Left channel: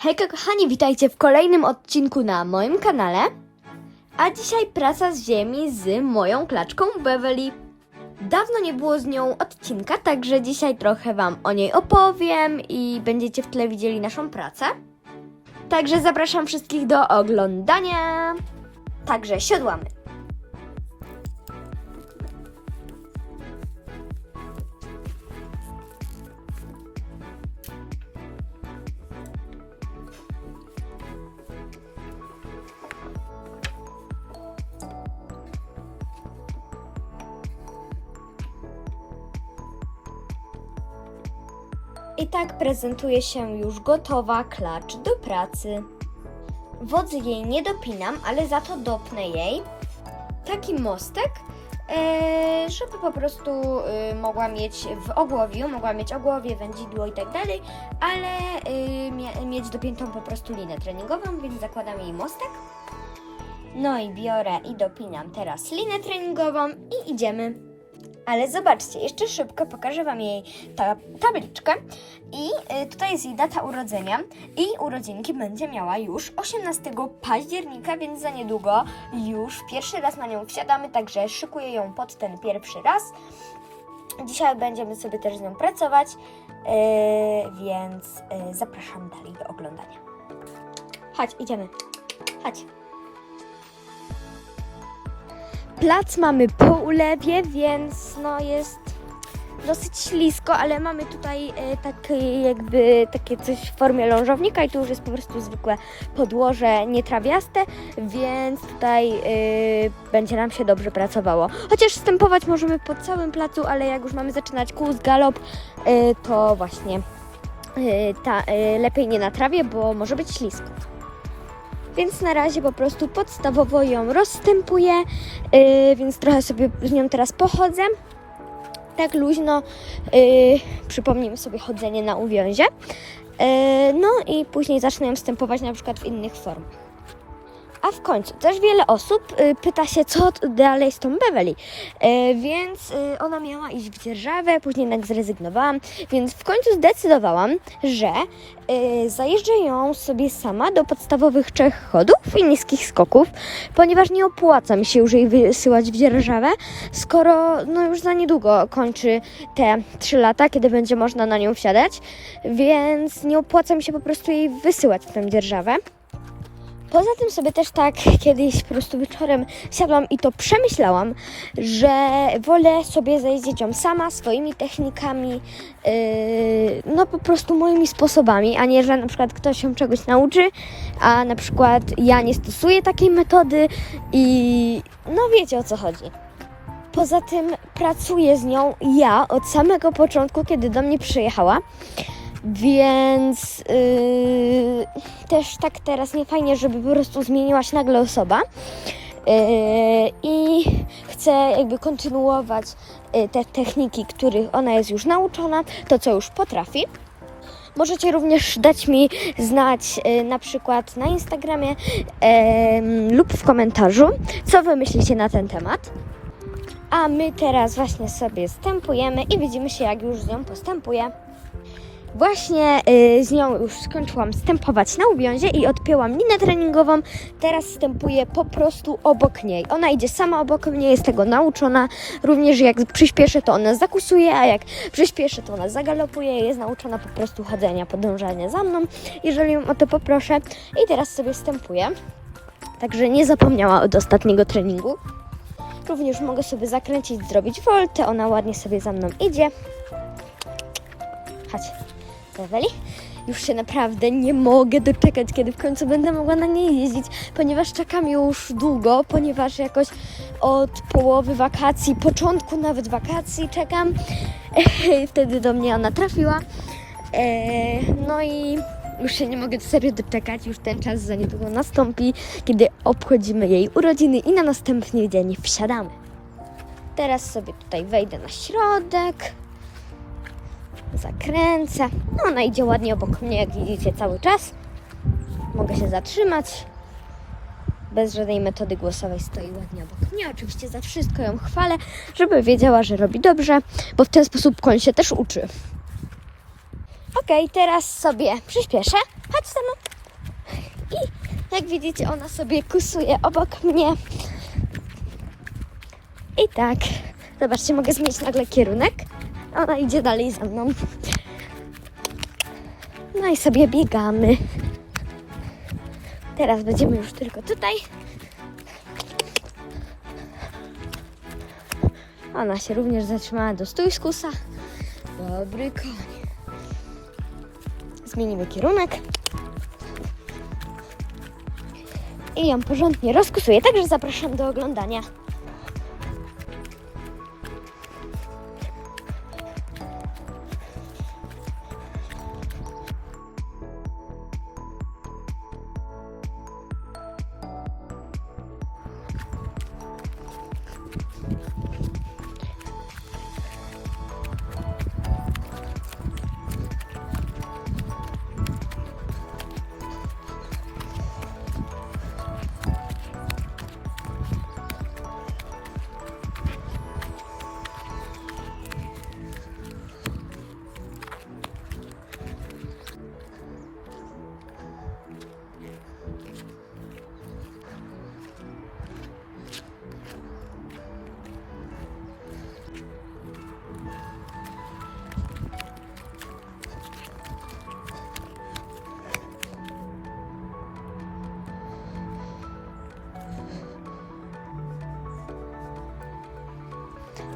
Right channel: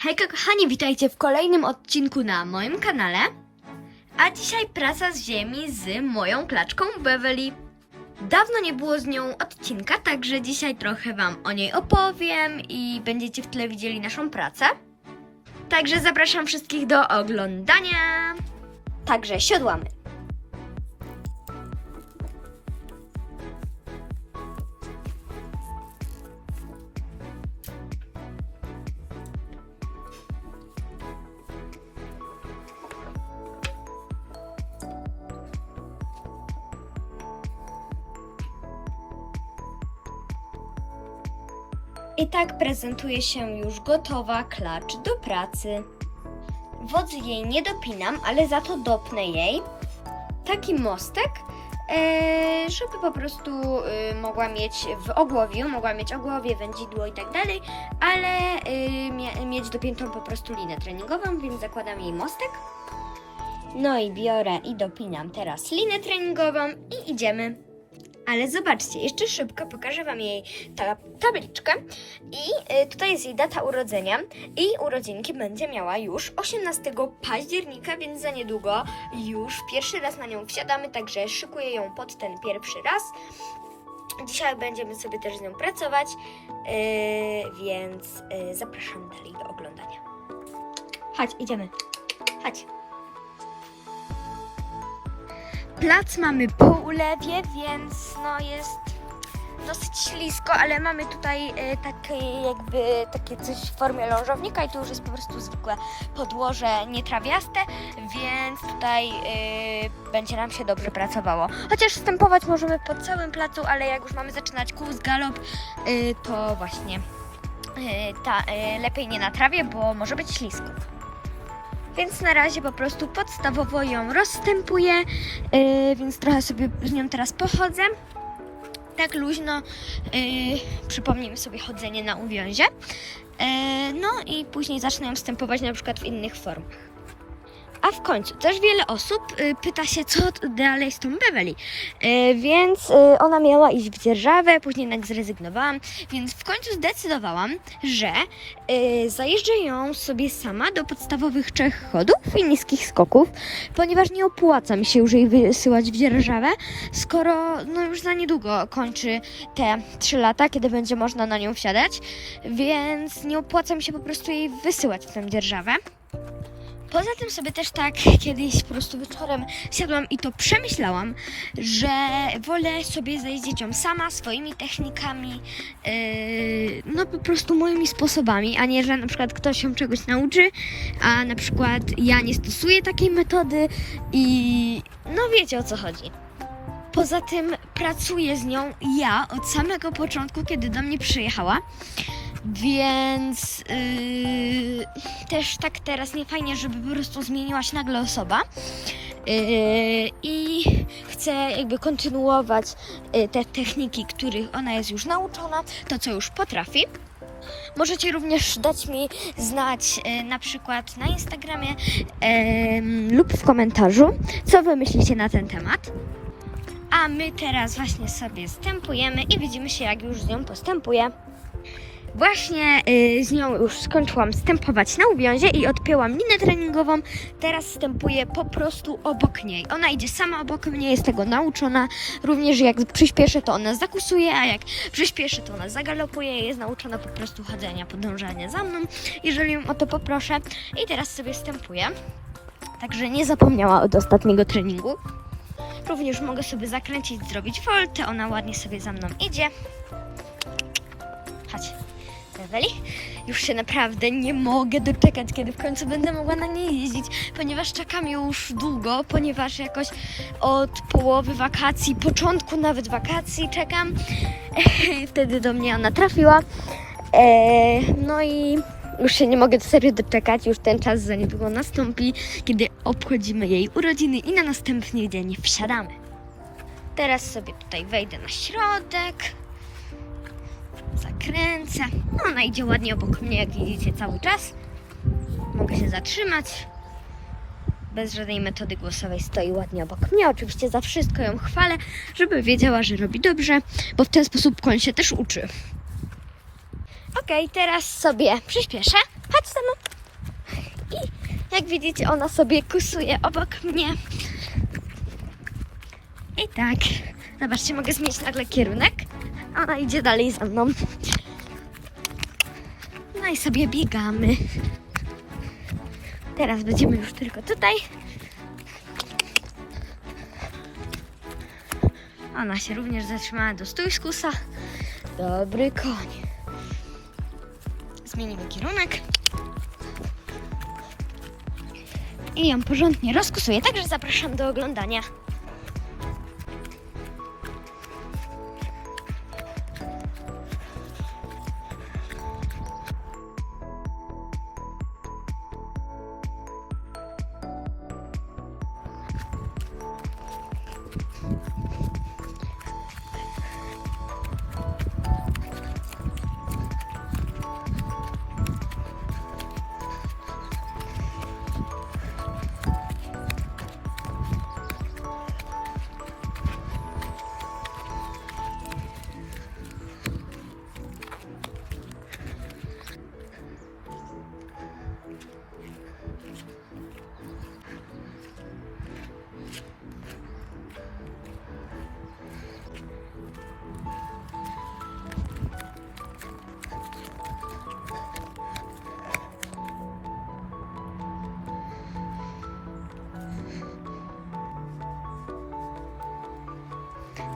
Hejka kochani, witajcie w kolejnym odcinku na moim kanale. A dzisiaj praca z ziemi z moją klaczką Beverly. Dawno nie było z nią odcinka, także dzisiaj trochę Wam o niej opowiem i będziecie w tle widzieli naszą pracę. Także zapraszam wszystkich do oglądania. Także siodłamy. I tak prezentuje się już gotowa klacz do pracy. Wodzy jej nie dopinam, ale za to dopnę jej taki mostek, e, żeby po prostu e, mogła mieć w ogłowiu, mogła mieć ogłowie, wędzidło i tak dalej, ale e, mie- mieć dopiętą po prostu linę treningową, więc zakładam jej mostek. No i biorę i dopinam teraz linę treningową i idziemy. Ale zobaczcie, jeszcze szybko pokażę Wam jej ta, tabliczkę. I y, tutaj jest jej data urodzenia. I urodzinki będzie miała już 18 października, więc za niedługo już pierwszy raz na nią wsiadamy, także szykuję ją pod ten pierwszy raz. Dzisiaj będziemy sobie też z nią pracować, y, więc y, zapraszam dalej do oglądania. Chodź, idziemy. Chodź. Plac mamy po ulewie, więc no jest dosyć ślisko, ale mamy tutaj e, takie jakby takie coś w formie lążownika i tu już jest po prostu zwykłe podłoże nietrawiaste, więc tutaj e, będzie nam się dobrze pracowało. Chociaż stępować możemy po całym placu, ale jak już mamy zaczynać kurs galop, e, to właśnie e, ta, e, lepiej nie na trawie, bo może być ślisko. Więc na razie po prostu podstawowo ją rozstępuję, yy, więc trochę sobie z nią teraz pochodzę. Tak luźno yy, przypomnijmy sobie chodzenie na uwiązie. Yy, no i później zacznę ją na przykład w innych formach. A w końcu też wiele osób y, pyta się, co dalej z tą Beverly. Y, więc y, ona miała iść w dzierżawę, później jednak zrezygnowałam, więc w końcu zdecydowałam, że zajeżdżę ją sobie sama do podstawowych trzech chodów i niskich skoków, ponieważ nie opłaca mi się już jej wysyłać w dzierżawę, skoro no już za niedługo kończy te 3 lata, kiedy będzie można na nią wsiadać, więc nie opłaca mi się po prostu jej wysyłać w tę dzierżawę. Poza tym sobie też tak kiedyś po prostu wieczorem siadłam i to przemyślałam, że wolę sobie zajeździć ją sama, swoimi technikami, yy, no po prostu moimi sposobami, a nie, że na przykład ktoś się czegoś nauczy, a na przykład ja nie stosuję takiej metody i no wiecie o co chodzi. Poza tym pracuję z nią ja od samego początku, kiedy do mnie przyjechała. Więc yy, też tak teraz nie fajnie, żeby po prostu zmieniła się nagle osoba. Yy, I chcę jakby kontynuować yy, te techniki, których ona jest już nauczona, to co już potrafi. Możecie również dać mi znać yy, na przykład na Instagramie yy, lub w komentarzu, co wy myślicie na ten temat. A my teraz właśnie sobie stępujemy i widzimy się, jak już z nią postępuję. Właśnie y, z nią już skończyłam stępować na uwiązie i odpięłam linę treningową. Teraz stępuję po prostu obok niej. Ona idzie sama obok mnie, jest tego nauczona. Również jak przyspieszę, to ona zakusuje, a jak przyspieszę, to ona zagalopuje. Jest nauczona po prostu chodzenia, podążania za mną, jeżeli ją o to poproszę. I teraz sobie stępuję. Także nie zapomniała od ostatniego treningu. Również mogę sobie zakręcić, zrobić woltę. Ona ładnie sobie za mną idzie. Chodź. Już się naprawdę nie mogę doczekać, kiedy w końcu będę mogła na niej jeździć, ponieważ czekam już długo, ponieważ jakoś od połowy wakacji, początku nawet wakacji czekam. Wtedy do mnie ona trafiła. E, no i już się nie mogę serio doczekać, już ten czas za niedługo nastąpi, kiedy obchodzimy jej urodziny i na następny dzień wsiadamy. Teraz sobie tutaj wejdę na środek zakręcę. No, ona idzie ładnie obok mnie, jak widzicie, cały czas. Mogę się zatrzymać. Bez żadnej metody głosowej stoi ładnie obok mnie. Oczywiście za wszystko ją chwalę, żeby wiedziała, że robi dobrze, bo w ten sposób koń się też uczy. Okej, teraz sobie przyspieszę. Chodź ze mną. Jak widzicie, ona sobie kusuje obok mnie. I tak. Zobaczcie, mogę zmienić nagle kierunek. Ona idzie dalej za mną. No i sobie biegamy. Teraz będziemy już tylko tutaj. Ona się również zatrzymała do stójskusa. Dobry koń. Zmienimy kierunek. I ją porządnie rozkusuję, także zapraszam do oglądania.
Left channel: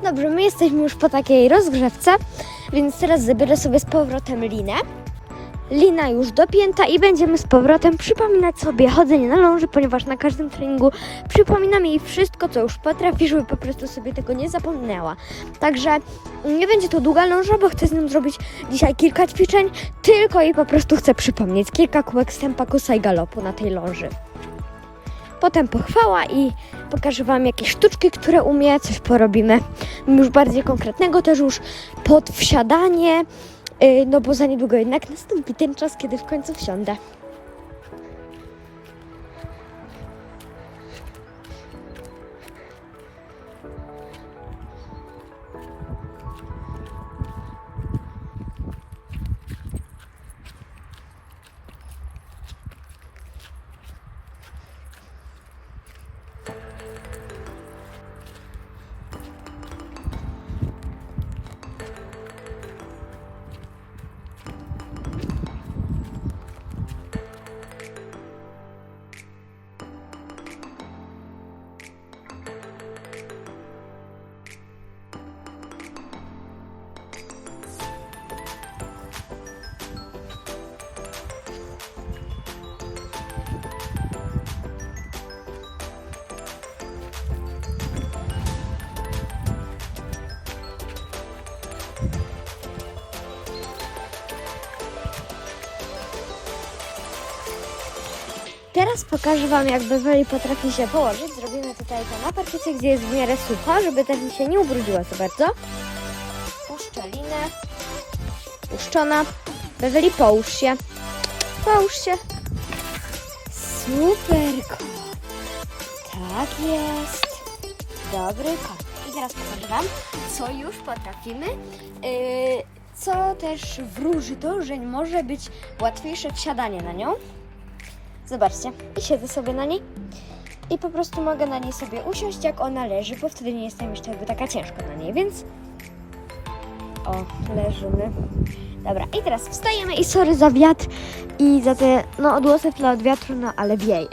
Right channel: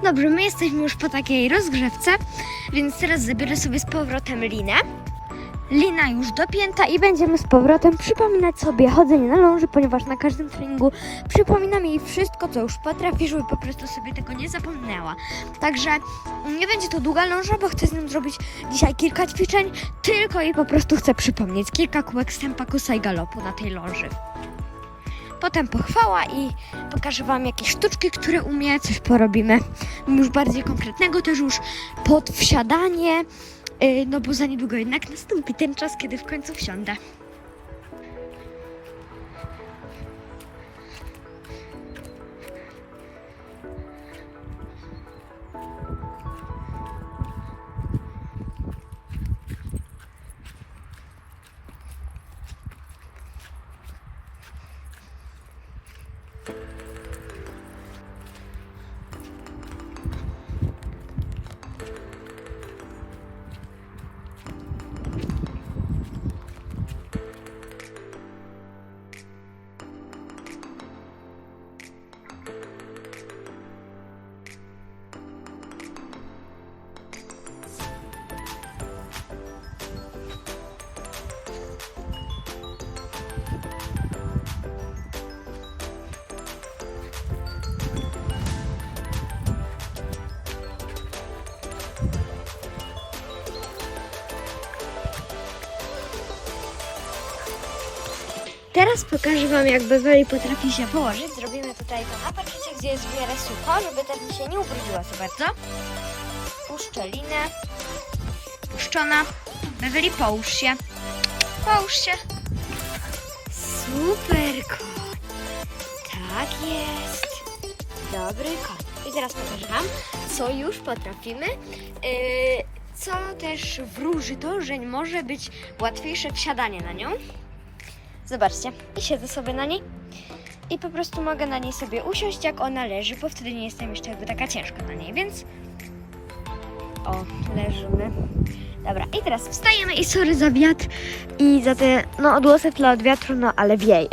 Dobrze, my jesteśmy już po takiej rozgrzewce, więc teraz zabiorę sobie z powrotem linę. Lina już dopięta i będziemy z powrotem przypominać sobie chodzenie na ląży, ponieważ na każdym treningu przypominam jej wszystko, co już potrafi, żeby po prostu sobie tego nie zapomniała. Także nie będzie to długa ląża, bo chcę z nią zrobić dzisiaj kilka ćwiczeń, tylko jej po prostu chcę przypomnieć kilka kółek stępa, kosa i galopu na tej ląży. Potem pochwała i pokażę Wam jakieś sztuczki, które umie, coś porobimy już bardziej konkretnego, też już pod wsiadanie, yy, no bo za niedługo jednak nastąpi ten czas, kiedy w końcu wsiądę. Teraz pokażę Wam, jak Beverly potrafi się położyć. Zrobimy tutaj to na gdzie jest w miarę sucho, żeby też mi się nie ubrudziła za bardzo. Puszczę linę. Puszczona. Beverly, połóż się. Połóż się. Super koń. Tak jest. Dobry koń. I teraz pokażę Wam, co już potrafimy. Yy, co też wróży to, że może być łatwiejsze wsiadanie na nią. Zobaczcie, i siedzę sobie na niej i po prostu mogę na niej sobie usiąść, jak ona leży, bo wtedy nie jestem jeszcze jakby taka ciężka na niej, więc o, leżymy. Dobra, i teraz wstajemy i sorry za wiatr i za te, no odgłosy w tle od wiatru, no ale wieje.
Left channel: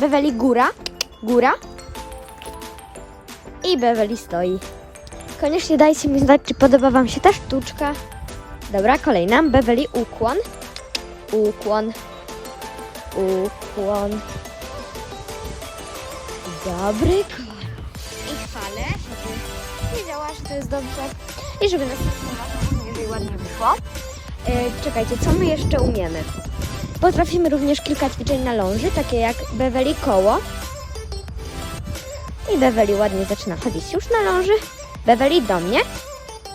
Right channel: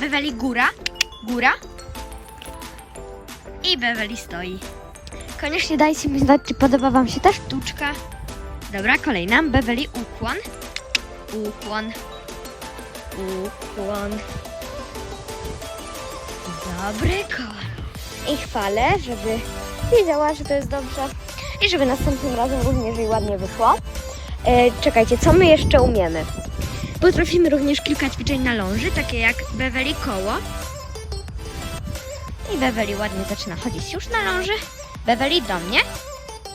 Beweli góra, góra i Beweli stoi. Koniecznie dajcie mi znać, czy podoba Wam się ta sztuczka. Dobra, kolejna, Beweli ukłon, ukłon, ukłon. Dobry koń. I chwalę, żeby wiedziała, że to jest dobrze i żeby następnym razem również jej ładnie wyszło. E, czekajcie, co my jeszcze umiemy? Potrafimy również kilka ćwiczeń na ląży, takie jak Beverly koło. I Beverly ładnie zaczyna chodzić już na ląży. Beverly do mnie.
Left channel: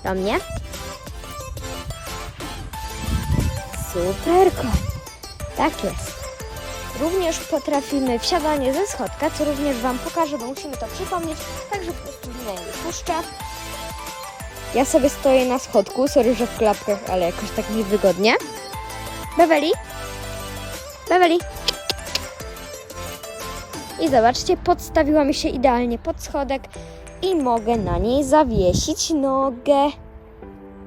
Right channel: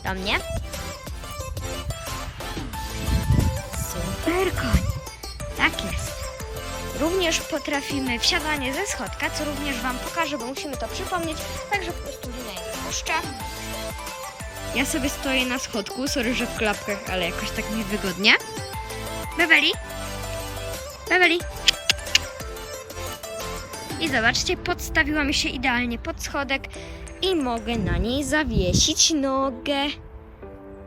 Do mnie. Super koń. Tak jest. Również potrafimy wsiadanie ze schodka, co również Wam pokażę, bo musimy to przypomnieć. Także po prostu linę puszczę. Ja sobie stoję na schodku, sorry, że w klapkach, ale jakoś tak niewygodnie. Beverly? Beverly? I zobaczcie, podstawiła mi się idealnie pod schodek i mogę na niej zawiesić nogę.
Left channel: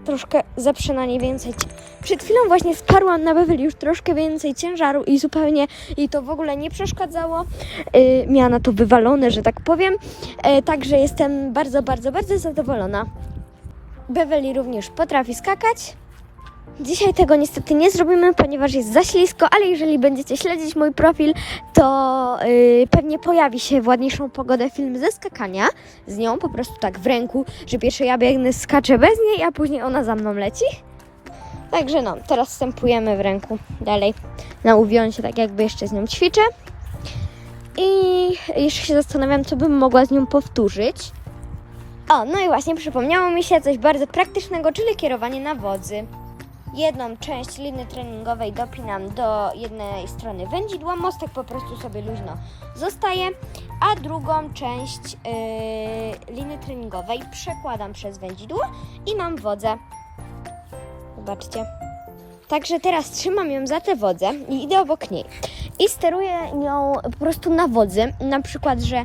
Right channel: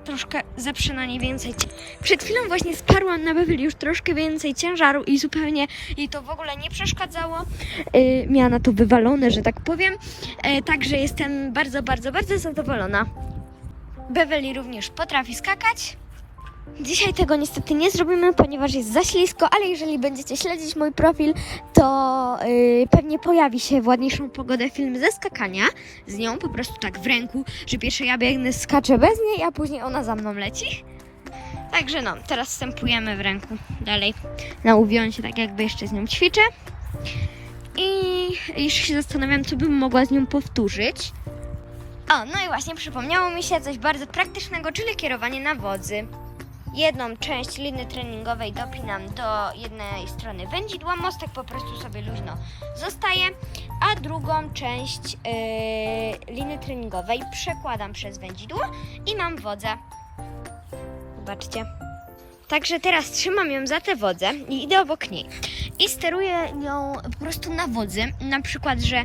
Troszkę zeprzę na niej więcej. Przed chwilą właśnie sparłam na Beverly już troszkę więcej ciężaru i zupełnie jej to w ogóle nie przeszkadzało. Yy, miała na to wywalone, że tak powiem. Yy, także jestem bardzo, bardzo, bardzo zadowolona. Beverly również potrafi skakać. Dzisiaj tego niestety nie zrobimy, ponieważ jest za ślisko, ale jeżeli będziecie śledzić mój profil, to yy, pewnie pojawi się w ładniejszą pogodę film ze skakania z nią, po prostu tak w ręku, że pierwsze ja biegnę, skaczę bez niej, a później ona za mną leci. Także no, teraz wstępujemy w ręku dalej na uwiącie, tak jakby jeszcze z nią ćwiczę. I jeszcze się zastanawiam, co bym mogła z nią powtórzyć. O, no i właśnie przypomniało mi się coś bardzo praktycznego, czyli kierowanie na wodzy. Jedną część liny treningowej dopinam do jednej strony wędzidła, mostek po prostu sobie luźno zostaje, a drugą część yy, liny treningowej przekładam przez wędzidło i mam wodzę. Zobaczcie. Także teraz trzymam ją za tę wodzę i idę obok niej. I steruję nią po prostu na wodzy. Na przykład, że yy,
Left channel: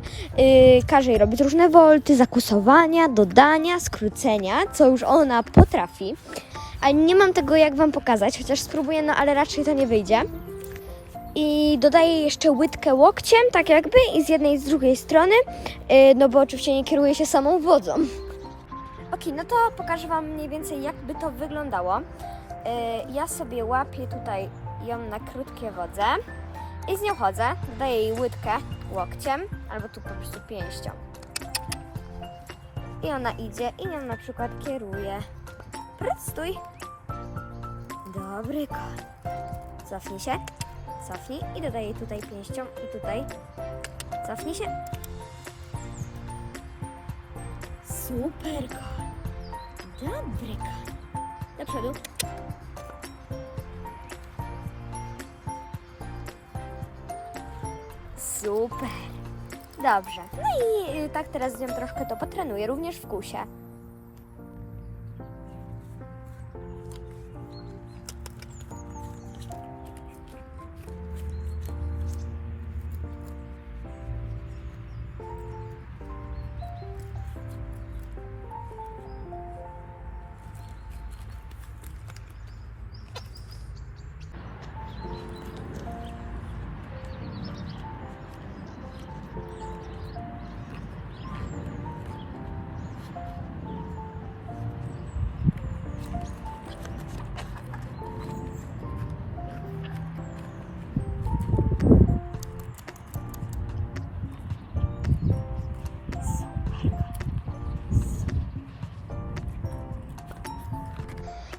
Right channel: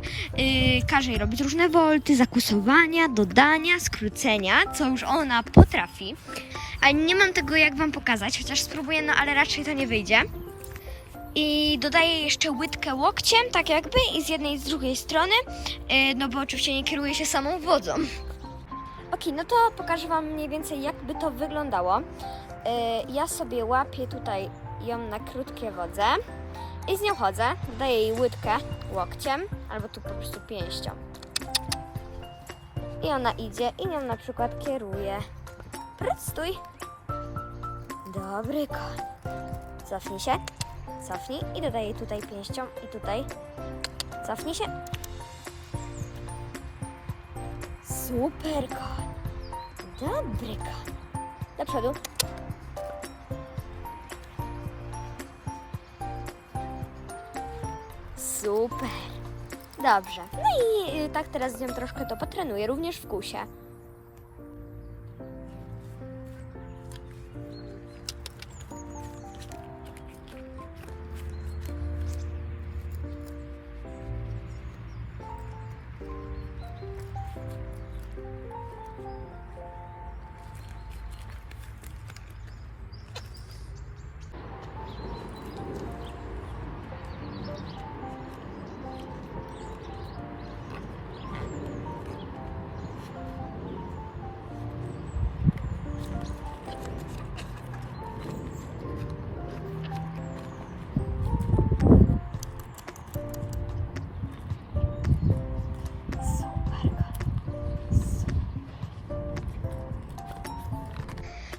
każę jej robić różne wolty, zakusowania, dodania, skrócenia, co już ona potrafi. A nie mam tego jak Wam pokazać, chociaż spróbuję, no ale raczej to nie wyjdzie. I dodaję jeszcze łydkę łokciem, tak jakby, i z jednej i z drugiej strony, yy, no bo oczywiście nie kieruję się samą wodzą. Ok, no to pokażę Wam mniej więcej jakby to wyglądało. Yy, ja sobie łapię tutaj ją na krótkie wodze i z nią chodzę. Dodaję jej łydkę łokciem albo tu po prostu pięścią. I ona idzie i nią na przykład kieruje. Stój. Dobry koń. Cofnij się. Cofnij i dodaję tutaj pięścią i tutaj. Cofnij się. Super koń. Dobry koń. Do przodu. Super. Dobrze. No i y, tak teraz z nią troszkę to potrenuję, również w kusie.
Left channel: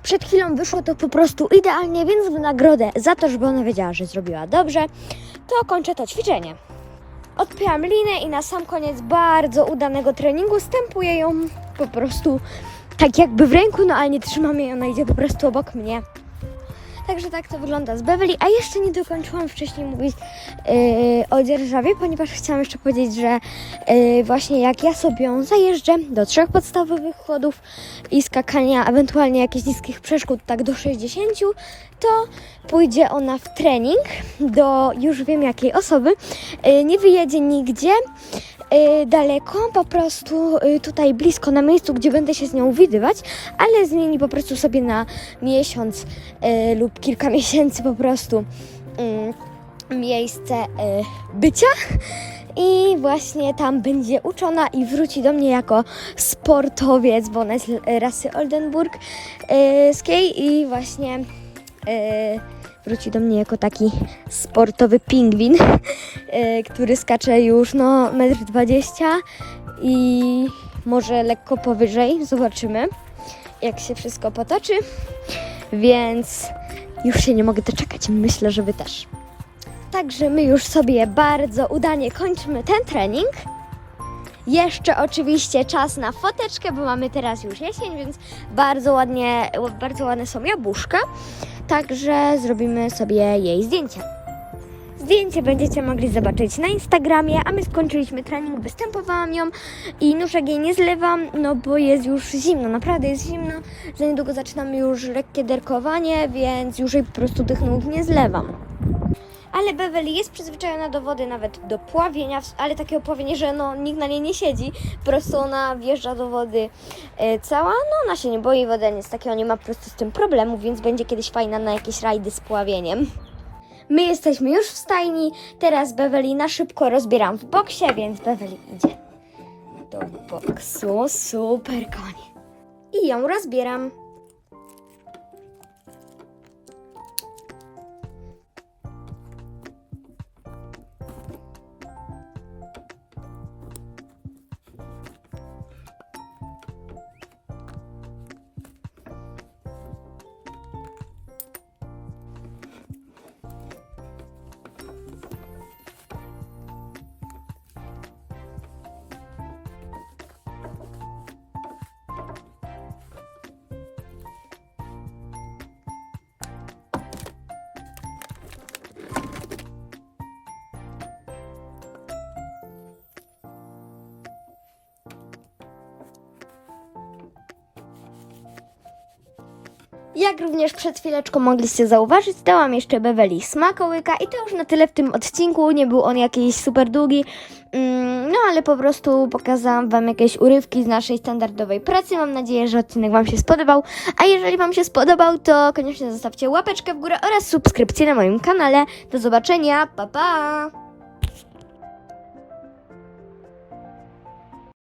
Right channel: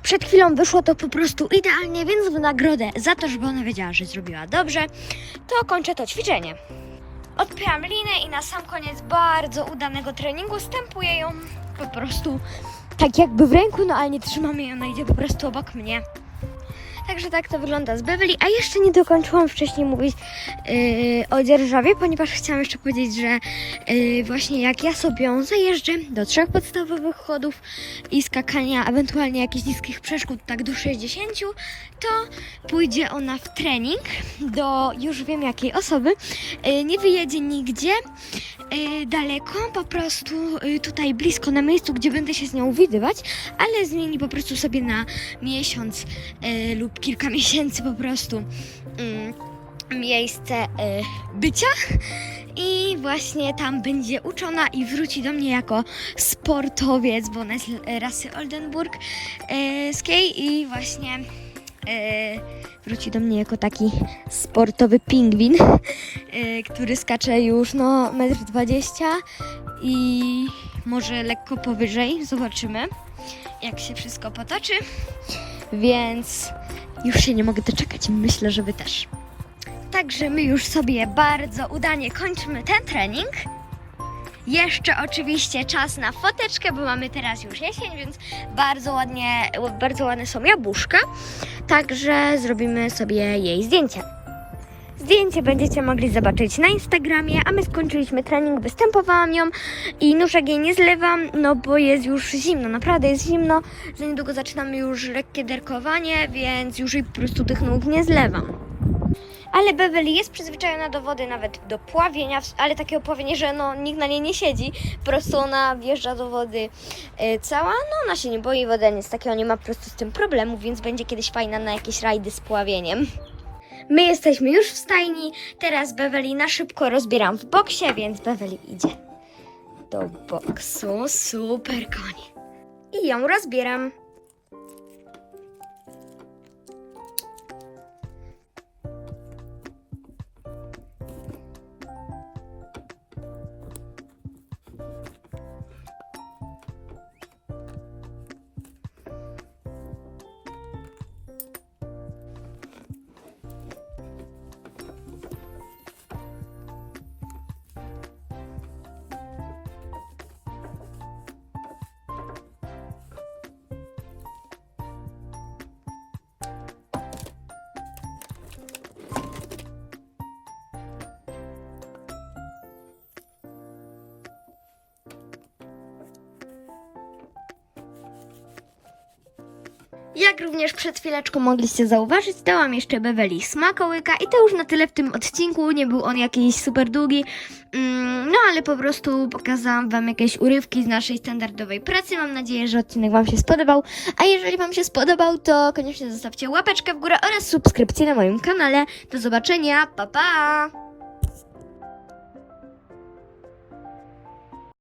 Przed chwilą wyszło to po prostu idealnie, więc w nagrodę za to, żeby ona wiedziała, że zrobiła dobrze, to kończę to ćwiczenie. Odpyłam linę i na sam koniec bardzo udanego treningu stępuję ją po prostu tak jakby w ręku, no ale nie trzymam jej, ona idzie po prostu obok mnie. Także tak to wygląda z Beverly, a jeszcze nie dokończyłam wcześniej mówić yy, o dzierżawie, ponieważ chciałam jeszcze powiedzieć, że yy, właśnie jak ja sobie ją zajeżdżę do trzech podstawowych chodów i skakania, ewentualnie jakichś niskich przeszkód, tak do 60, to pójdzie ona w trening do już wiem jakiej osoby. Yy, nie wyjedzie nigdzie yy, daleko, po prostu yy, tutaj blisko na miejscu, gdzie będę się z nią widywać, ale zmieni po prostu sobie na miesiąc yy, lub kilka miesięcy po prostu yy, miejsce yy, bycia. I właśnie tam będzie uczona i wróci do mnie jako sportowiec, bo ona jest rasy oldenburskiej i właśnie e, wróci do mnie jako taki sportowy pingwin, e, który skacze już no 1,20 m i może lekko powyżej. Zobaczymy, jak się wszystko potoczy. Więc już się nie mogę doczekać. Myślę, że Wy też. Także my już sobie bardzo udanie kończymy ten trening. Jeszcze oczywiście czas na foteczkę, bo mamy teraz już jesień, więc bardzo ładnie, bardzo ładne są jabłuszka. Także zrobimy sobie jej zdjęcie. Zdjęcie będziecie mogli zobaczyć na Instagramie, a my skończyliśmy trening, występowałam ją i nóżek jej nie zlewam, no bo jest już zimno, naprawdę jest zimno, że niedługo zaczynamy już lekkie derkowanie, więc już jej po prostu tych nóg nie zlewam. Ale Beverly jest przyzwyczajona do wody, nawet do pławienia, ale takiego pławienia, że no, nikt na niej nie siedzi. Po prostu ona wjeżdża do wody e, cała, no ona się nie boi wody, nic takiego, nie ma po prostu z tym problemu, więc będzie kiedyś fajna na jakieś rajdy z pławieniem. My jesteśmy już w stajni, teraz Beverly na szybko rozbieram w boksie, więc Beverly idzie do boksu, super konie. I ją rozbieram. Jak również przed chwileczką mogliście zauważyć, dałam jeszcze Beverly smakołyka i to już na tyle w tym odcinku. Nie był on jakiś super długi, mm, no ale po prostu pokazałam Wam jakieś urywki z naszej standardowej pracy. Mam nadzieję, że odcinek Wam się spodobał. A jeżeli Wam się spodobał, to koniecznie zostawcie łapeczkę w górę oraz subskrypcję na moim kanale. Do zobaczenia, pa pa!